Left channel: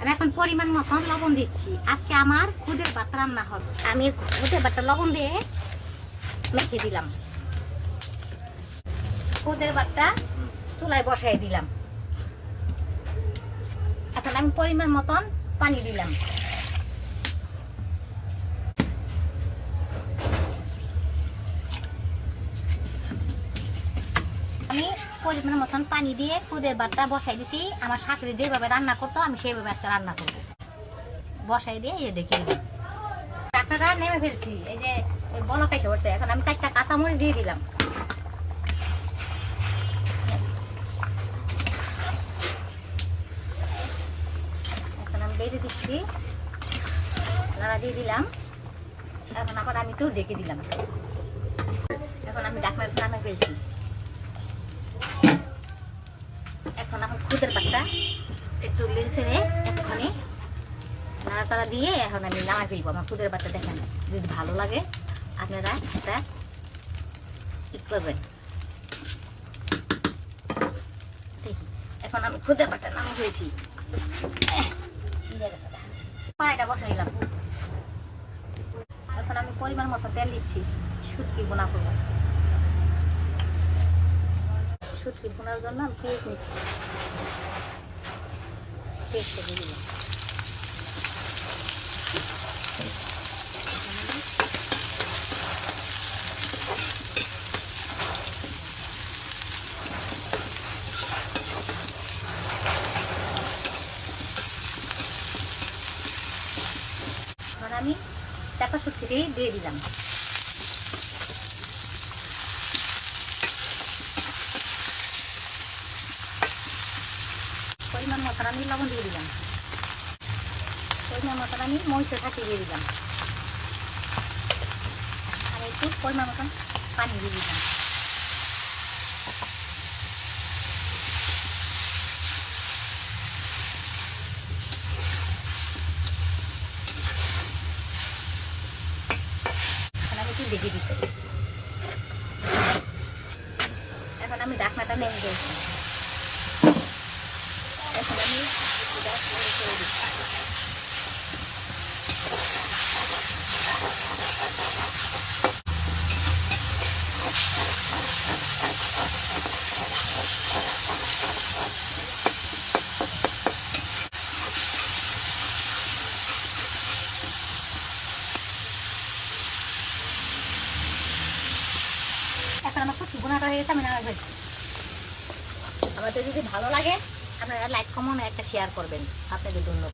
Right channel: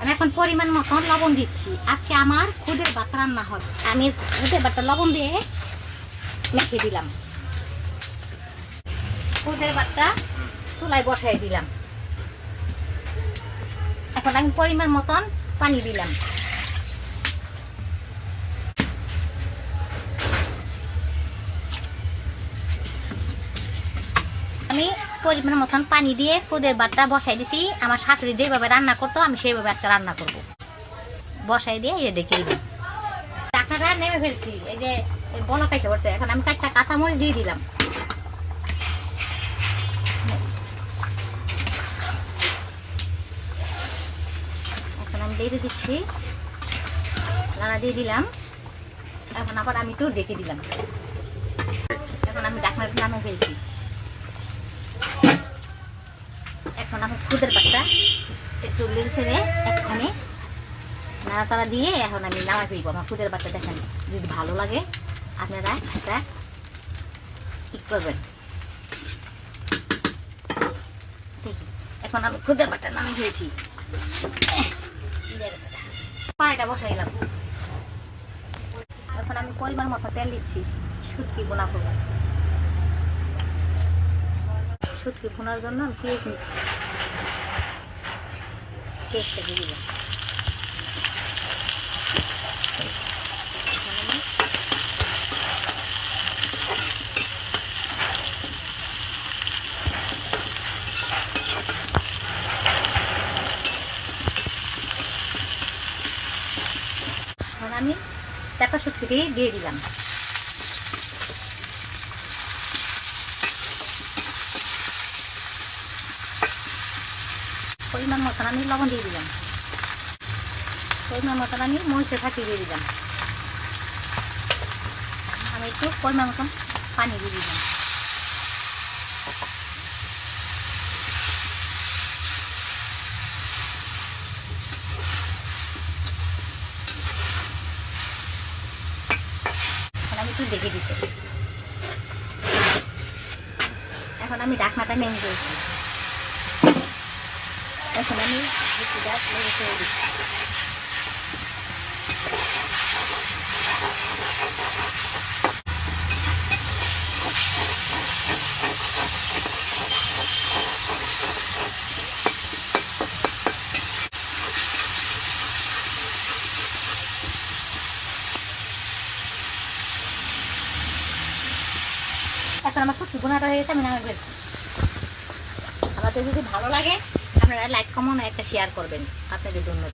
আমি এখন পরিমাণ মতন লবণ দিচ্ছি। আজকে আমার খুদের ভাত রান্না হবে। আমি খুদের ভাতটা লবণ দিয়ে মেখে দিলাম। খুদের ভাতটা চুলায় বসাই দিলাম। এখন আমি পরিমাণ মতন পানি দিলাম। আমি পরিমাণ মতন পানি দিয়ে খুদের ভাতটা বসাই দিছি। আমার শাশুড়ি যেভাবে রান্না করতো আমি সেইভাবে আজকে রান্না করব। বসাই দিয়ে এই ডেকে দিলাম। টাকাটা নেমে ফেলছি, এই যে বলক এসে পড়ছে। এখন আমি 4টা কাঁচামরিচ দিয়ে দিলাম। এখন আমি দিয়ে দিচ্ছি, নাড়া দিয়ে দিলাম। এখন আবার আমি একটু ডেকে দিলাম। এখন আমি ঢাকনাটা নামিয়ে ফেলছি। এখন আমি খুদের ভাতটা একটু ছেড়ে একখানে নাড়াচাড়া দিয়ে এখন আমি নামাই ফেলবো। আমার খুদের ভাতটা দেখেন, যদি ভালো লাগে আপনারা একটা ঠিক করবেন। এখন আমি খুদের ভাতটা নামিয়ে ফেলছি। কড়াইটা বসাই দিলাম। এখন আমি পরিমাণ মতো তেল দিচ্ছি। শুটকি বোনা করবো। শুটকি বোনার জন্য আমি পেঁয়াজ নিচ্ছি। পেঁয়াজটা দিয়ে দিলাম। এখন আমি চাপা শুটকি দিয়ে দিলাম। পরিমাণ মতন আমি লবণ দিয়ে দিলাম। পরিমাণ মতন আমি মরিচের ফাঁকি দিয়ে দিলাম। আর একটু পরিমাণ মতন পানি দিয়ে দিলাম। এখন আমি একটু দেখে দিতে। এখন আমি ঢাকনাটা নেমে দিয়েছি। এখন আমি একটু গ্যাস ছেড়ে দিচ্ছি। এখন আমার শুটকি বোনাটা হয়ে গেছে, আমি নামিয়ে ফেলছি। আমাদের যদি ভালো লাগে আপনারা লাইক কমেন্ট একটা শেয়ার করবেন। আপনাদের জন্য।